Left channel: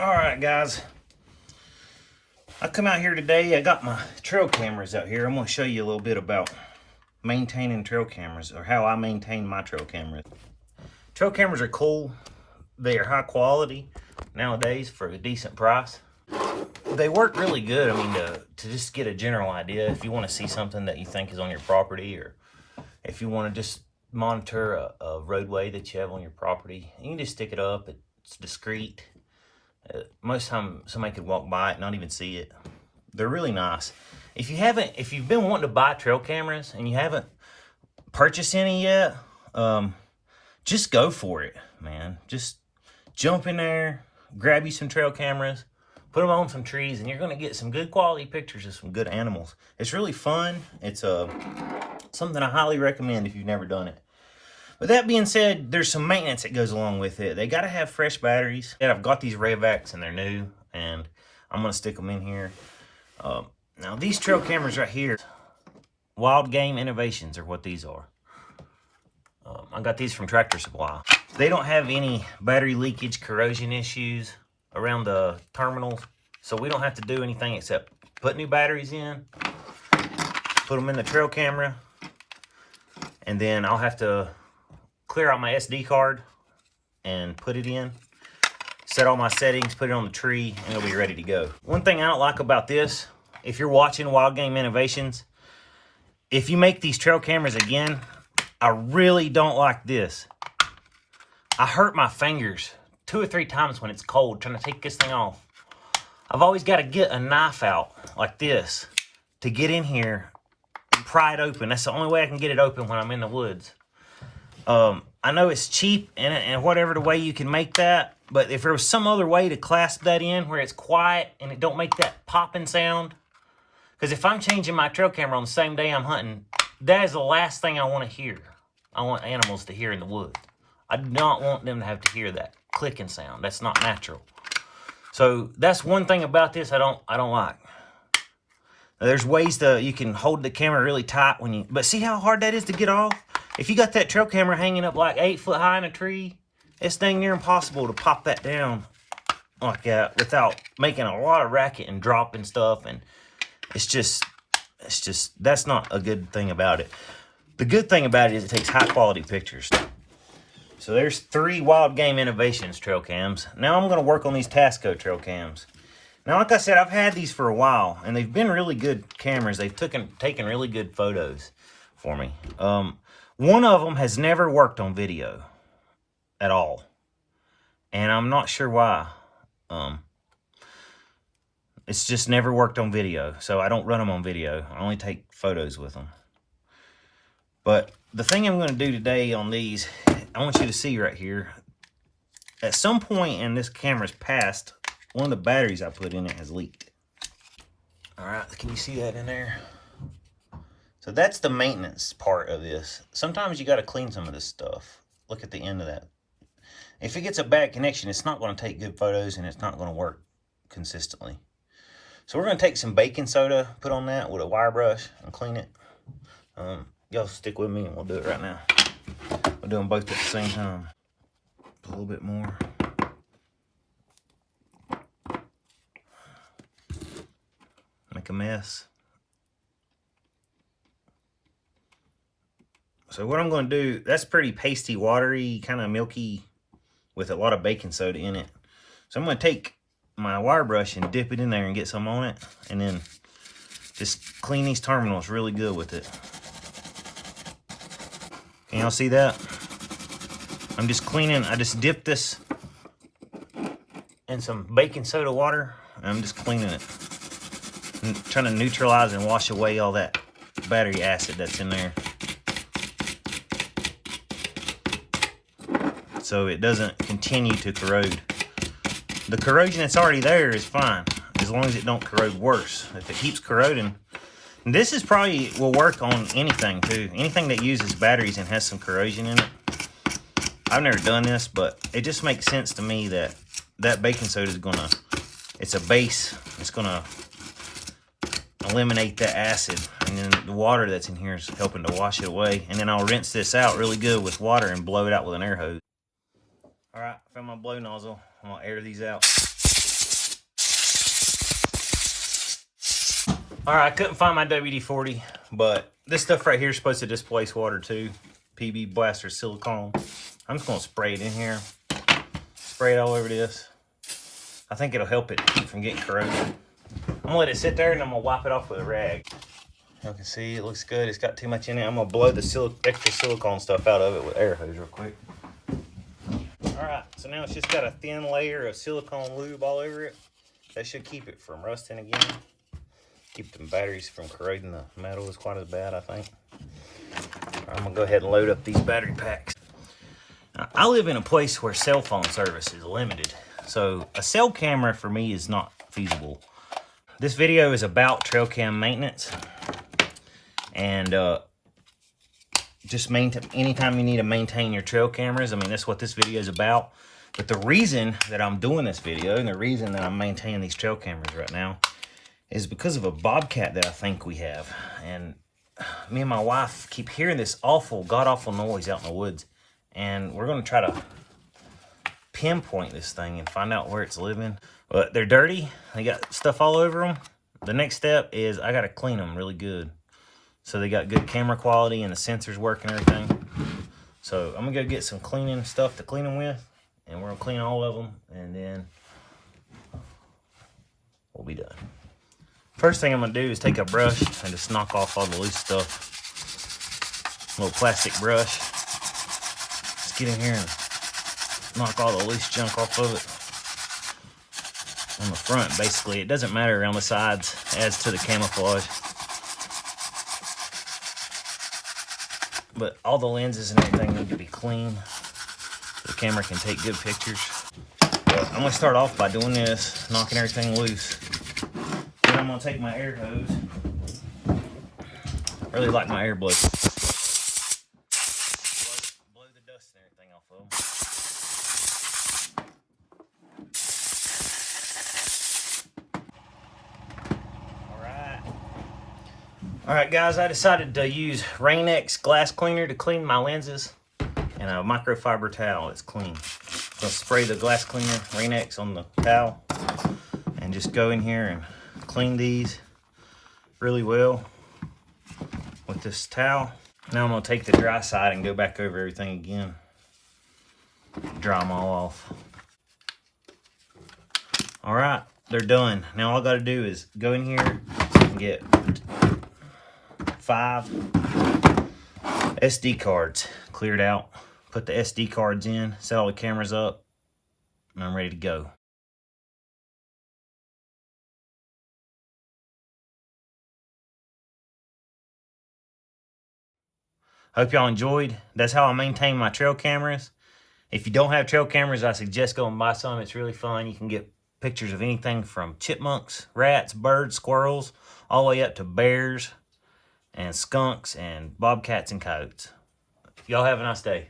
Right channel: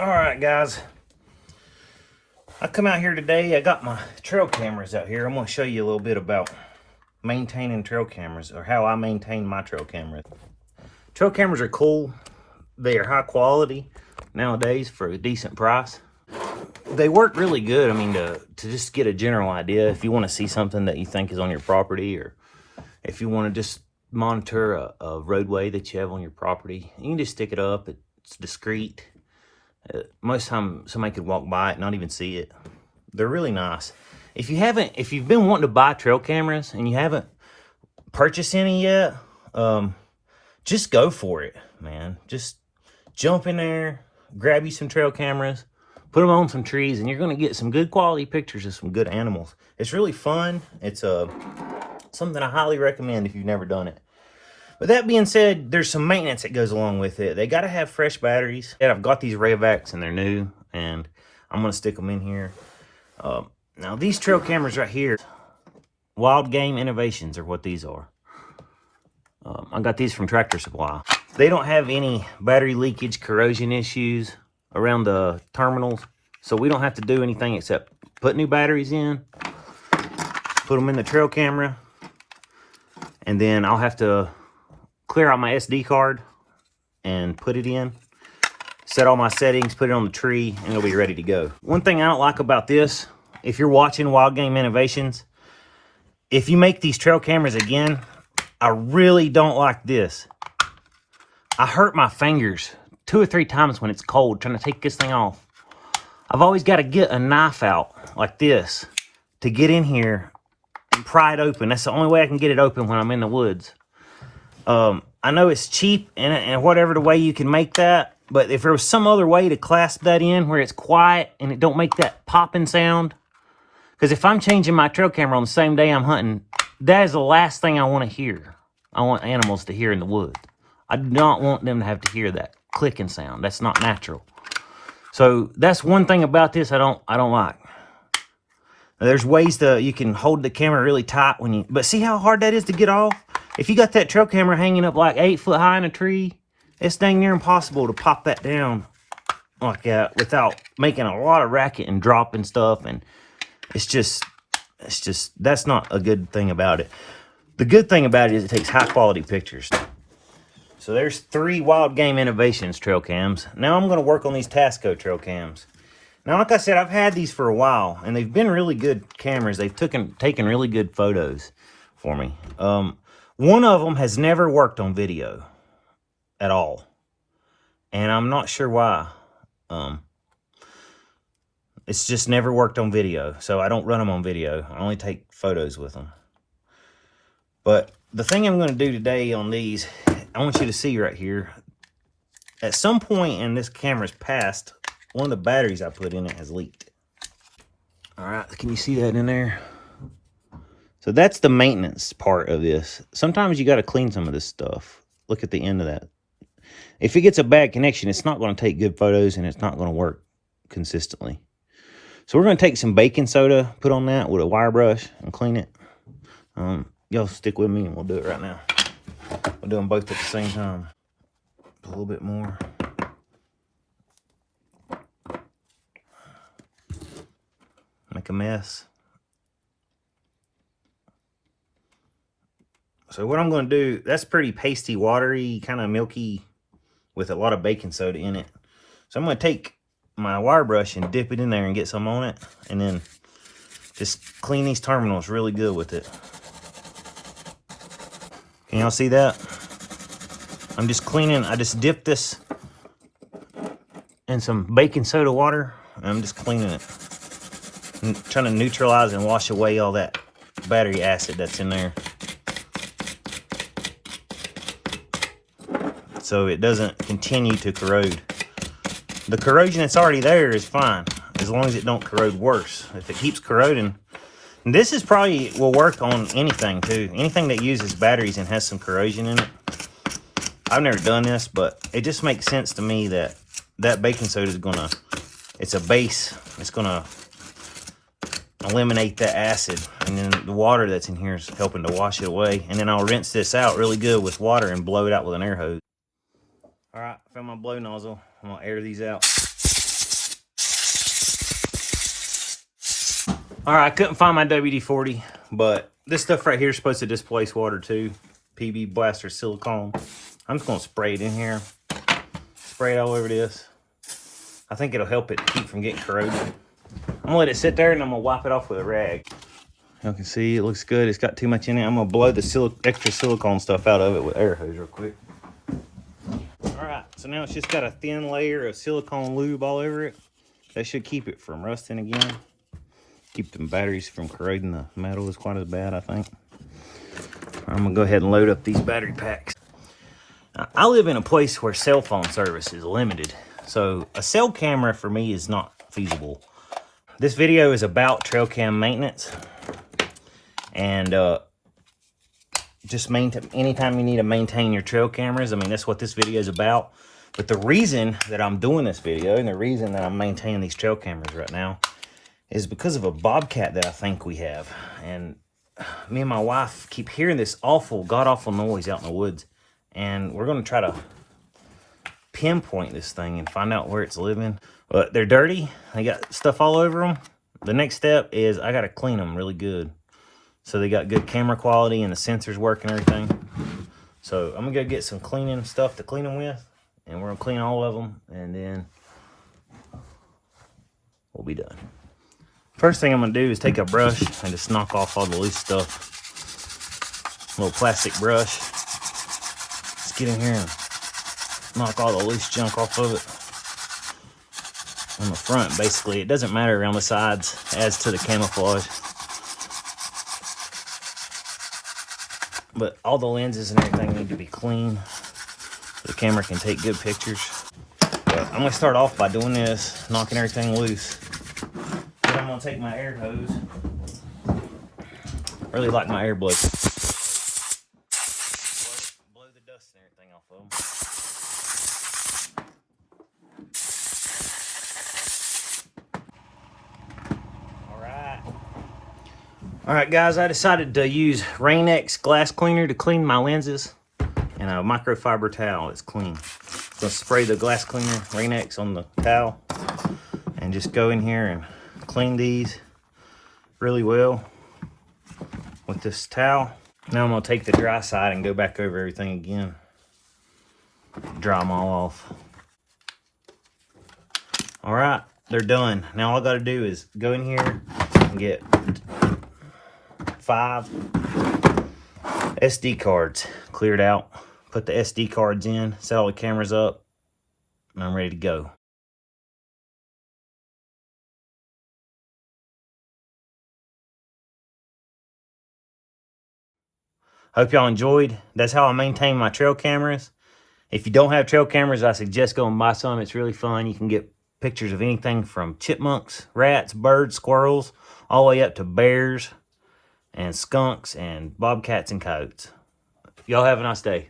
All right, guys. I come out here today. I got my trail cameras out here. I'm going to show you a little bit about maintaining trail cameras, or how I maintain my trail cameras. Trail cameras are cool. They are high quality nowadays for a decent price. They work really good. I mean, to just get a general idea, if you want to see something that you think is on your property, or if you want to just monitor a roadway that you have on your property, you can just stick it up. It's discreet. Most time somebody could walk by it and not even see it. They're really nice. If you've been wanting to buy trail cameras and you haven't purchased any yet, just go for it, man. Just jump in there, grab you some trail cameras, put them on some trees, and you're going to get some good quality pictures of some good animals. It's really fun. It's something I highly recommend if you've never done it. With that being said, there's some maintenance that goes along with it. They got to have fresh batteries. And I've got these Ravacs and they're new, and I'm going to stick them in here. Now, these trail cameras right here, Wildgame Innovations are what these are. I got these from Tractor Supply. They don't have any battery leakage, corrosion issues around the terminals, so we don't have to do anything except put new batteries in, put them in the trail camera, and then I'll have to clear out my SD card and put it in, set all my settings, put it on the tree, and it'll be ready to go. One thing I don't like about this, if you're watching Wildgame Innovations, if you make these trail cameras again, I really don't like this. I hurt my fingers 2 or 3 times when it's cold trying to take this thing off. I've always got to get a knife out like this to get in here and pry it open. That's the only way I can get it open when I'm in the woods. I know it's cheap and whatever the way you can make that, but if there was some other way to clasp that in where it's quiet and it don't make that popping sound, because if I'm changing my trail camera on the same day I'm hunting, that is the last thing I want to hear. I want animals to hear in the woods. I don't want them to have to hear that clicking sound. That's not natural. So that's one thing about this I don't like. There's ways you can hold the camera really tight but see how hard that is to get off? If you got that trail camera hanging up like 8 foot high in a tree, it's dang near impossible to pop that down like that without making a lot of racket and dropping stuff. And it's just, that's not a good thing about it. The good thing about it is it takes high quality pictures. So there's 3 Wildgame Innovations trail cams. Now I'm going to work on these Tasco trail cams. Now, like I said, I've had these for a while, and they've been really good cameras. They've taken really good photos for me. One of them has never worked on video at all, and I'm not sure why. It's just never worked on video, so I don't run them on video. I only take photos with them. But the thing I'm going to do today on these, I want you to see right here. At some point in this camera's past, one of the batteries I put in it has leaked. All right, can you see that in there? So that's the maintenance part of this. Sometimes you got to clean some of this stuff. Look at the end of that. If it gets a bad connection, it's not going to take good photos and it's not going to work consistently. So we're going to take some baking soda, put on that with a wire brush and clean it. Y'all stick with me and we'll do it right now. We'll do them both at the same time. A little bit more. Make a mess. So what I'm going to do, that's pretty pasty, watery, kind of milky with a lot of baking soda in it. So I'm going to take my wire brush and dip it in there and get some on it, and then just clean these terminals really good with it. Can y'all see that? I'm just cleaning, I just dipped this in some baking soda water, and I'm just cleaning it. I'm trying to neutralize and wash away all that battery acid that's in there, so it doesn't continue to corrode. The corrosion that's already there is fine, as long as it don't corrode worse. If it keeps corroding, and this is probably will work on anything too. Anything that uses batteries and has some corrosion in it. I've never done this, but it just makes sense to me that that baking soda is gonna, it's a base. It's gonna eliminate that acid, and then the water that's in here is helping to wash it away. And then I'll rinse this out really good with water and blow it out with an air hose. All right, fill my blow nozzle. I'm gonna air these out. All right, I couldn't find my WD-40, but this stuff right here is supposed to displace water too. PB Blaster silicone. I'm just gonna spray it in here. Spray it all over this. I think it'll help it keep from getting corroded. I'm gonna let it sit there and I'm gonna wipe it off with a rag. You can see it looks good. It's got too much in it. I'm gonna blow the extra silicone stuff out of it with air hose real quick. All right, so now it's just got a thin layer of silicone lube all over it. That should keep it from rusting again. Keep the batteries from corroding the metal is quite as bad, I think. I'm gonna go ahead and load up these battery packs. Now, I live in a place where cell phone service is limited, so a cell camera for me is not feasible. This video is about trail cam maintenance, and just anytime you need to maintain your trail cameras. I mean, that's what this video is about. But the reason that I'm doing this video and the reason that I'm maintaining these trail cameras right now is because of a bobcat that I think we have. And me and my wife keep hearing this awful, god-awful noise out in the woods. And we're going to try to pinpoint this thing and find out where it's living. But they're dirty. They got stuff all over them. The next step is I got to clean them really good, so they got good camera quality and the sensors work and everything. So I'm going to go get some cleaning stuff to clean them with. And we're going to clean all of them. And then we'll be done. First thing I'm going to do is take a brush and just knock off all the loose stuff. A little plastic brush. Just get in here and knock all the loose junk off of it. On the front, basically. It doesn't matter around the sides, adds to the camouflage. But all the lenses and everything need to be clean so the camera can take good pictures. But I'm going to start off by doing this, knocking everything loose. Then I'm going to take my air hose. I really like my air blow. Blow the dust and everything off of them. Alright guys, I decided to use Rain-X glass cleaner to clean my lenses, and a microfiber towel. It's clean. Just spray the glass cleaner, Rain-X, on the towel, and just go in here and clean these really well with this towel. Now I'm going to take the dry side and go back over everything again. Dry them all off. Alright, they're done. Now all I got to do is go in here and get 5 SD cards cleared out. Put the SD cards in, set all the cameras up, and I'm ready to go. Hope y'all enjoyed. That's how I maintain my trail cameras. If you don't have trail cameras, I suggest going and buy some. It's really fun. You can get pictures of anything from chipmunks, rats, birds, squirrels, all the way up to bears and skunks and bobcats and coyotes. Y'all have a nice day.